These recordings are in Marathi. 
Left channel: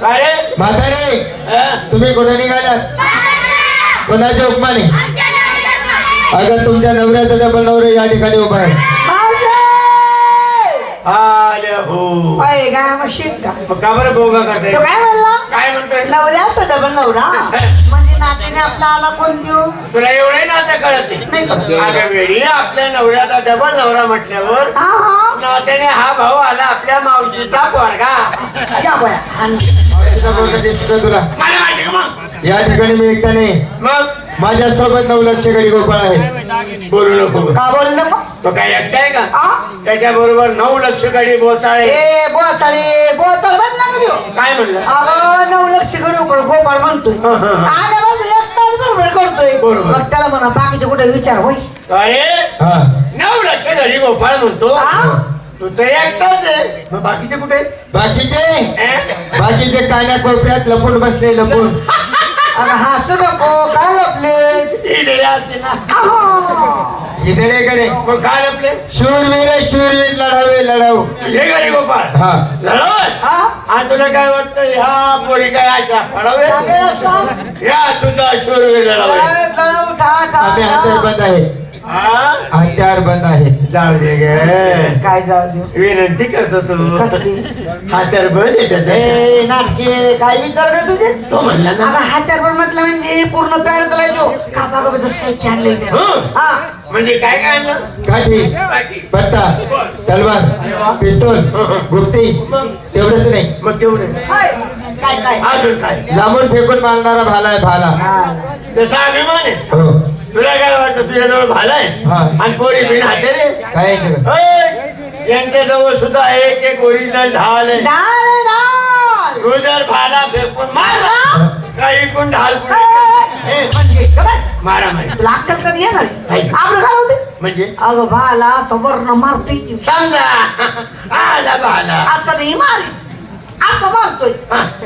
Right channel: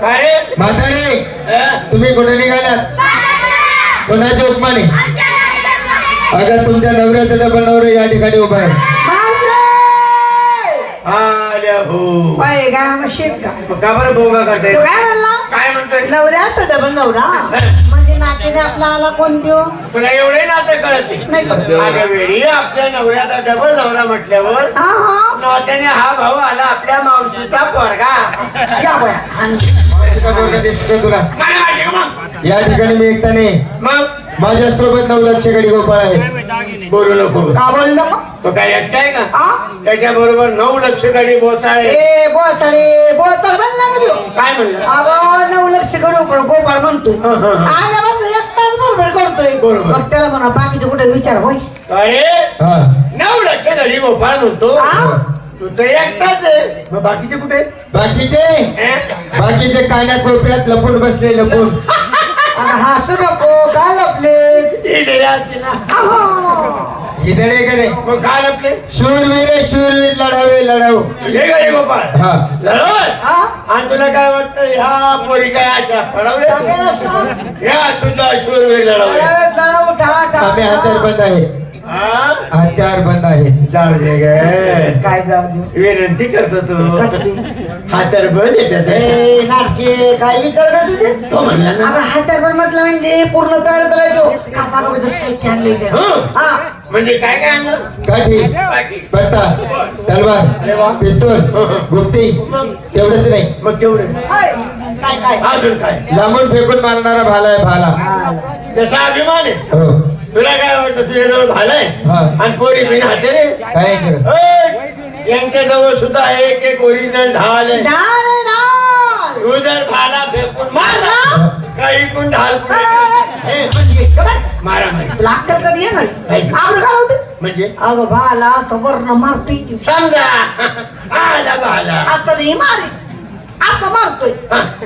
काय रे? म्हातारे? तुम्ही कुठे निघालात? कोणाच्या उपमाने अगं तुमच्या नवऱ्याचा डबल नवरा या ठिकाणी उभा आहे. आले हो. पाय का बरं बोगा करताय? तो काय म्हणला? काय म्हणतोय? नवरा डबल नवरा? म्हणजे नातीने आपला आला कोण देऊ तुला एवढे नातं कळत नाही. नाही. अगं वेळी आपल्या नवऱ्याचा डबल नवरा म्हटल्यावर हा हा. नात्याने हा भाऊ आला आपल्या मावशीचा पोरगा. या बाया. तुला काय माहिती का मग या ठिकाणी मी एकटा नाही मग? माझ्या सोबत नऊ लक्ष गडी गोपाळ आहे बोलू नको. का बोललो मग? तो काय एकटा आहे का? हा? त्याच्या बरोबर नऊ लक्ष गाडी बोचाळे. ए बोचाड म्हणला का देऊ काय म्हणलं? अगं नऊ लक्ष करू पण गोपाळ एकटाच बरोबर करतोय. बरोबर. मग त्याला म्हणा बाकीचे कुठे विचार होय अरे हा. नऊ लक्ष गाडी गोपाळ म्हणतो. हा? तू तर एकटाच आहे. मग बाकीचे कुठे? आहेत? बाकीचे? हे? बाकीचे कान्या कोपऱ्यात लपून बसले लपून. आणि हसू नको. काय आपले? ही दिली असती ना इथे नाही करे मग काय आपले? शूरवीर शूरवीर लढावे लढाऊ हे गाडी गोपाळ. हा. लढत हा? आणि तुला काय वाटतं ह्या पोरी काय अशा लढवल्या. या तुझा शूरवीर लढवल्या ए, लढाऊ, ठा, ठा. आम्ही हत्यार बंद आहे. हा? हत्यार बंद आहे. जाऊ दे ग. काय जाऊ दे. विनंती करतो तू. कसली? हा तर बळ आहे त्याचा. ए, नाटके काय विचार का तुझे तो म्हणला ना. आता हा म्हटलं म्हणजे पूर्ण तयार करायचो आणलं इथे. हं. हा. म्हणजे काय काय आणलं? काठी अरे तलवार. पिस्तूल गुप्ती तेवढंच नाही. मग तेवढे हाय. काय काय? अजून काय? लांबून फेकून मारणारा भाला आहे भाला. हा. त्याचा अभिमान आहे. हो. तुला काय वाटतं तुझ्याजवळ भालाय. हा. आणि पोरी बिन हाते. रे काय यांच्याजवळ सुद्धा एक एक ओरिजिनल ढाल आहे. भाला फेकून काही पण ढाल म्हणजे? मारा मारी. तुला अक्कल कधी होते? म्हणजे? अगं भाला सवर्ण मारतोय. समजा. आला भाला. असं नाही मारी असं मारतोय.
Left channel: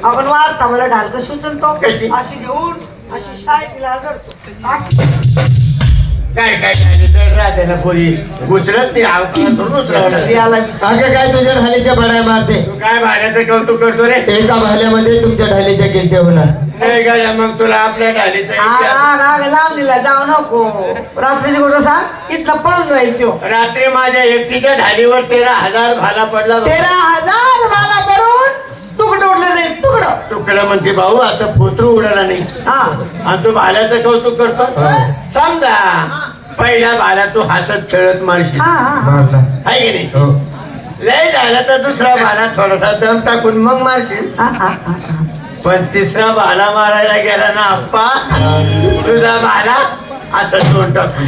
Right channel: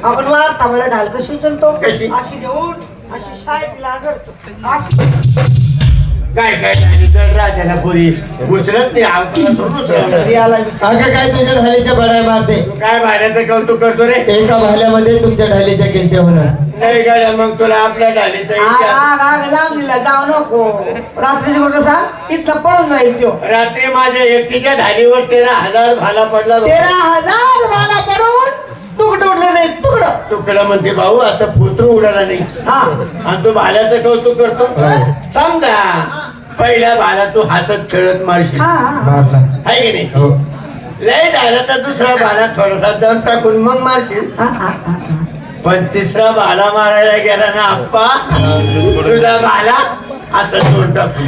आपण मारता मला ढाल कशी उचलतो? कशी? अशी घेऊन. अशी अशी. काय काय पोरी. उचलत नाही अगं काय तुझ्या ढालीच्या बडाय मारते? काय भाड्याचं कौतुक करतो रे? एका भाल्यामध्ये तुमच्या ढालीच्या किलच्या होणार. नाही गाड्या मग तुला आपल्या ढालीचा राग लावणीला जाऊ नको. रात्री कुठं सांग इथनं पळून जाईल तो रात्री माझ्या एकटीच्या ढालीवर तेरा हजार भाला पडला तेरा हजार पडवून तुकडं उडलं नाही. तुकडं तुकडा म्हणते भाऊ असं फोटो उडाला नाही. हा. आणि तू भाल्याचं कौतुक करतो. समजा पहिला भाला तू हसत खेळत मारशील. आहे की नाही? हो. लय झालं तर दुसरा भाला थोडासा दम टाकून मग मारशील. पण तिसरा भाला मारायला गेला ना आप्पा तुझा भाला असं तोंड टाकून.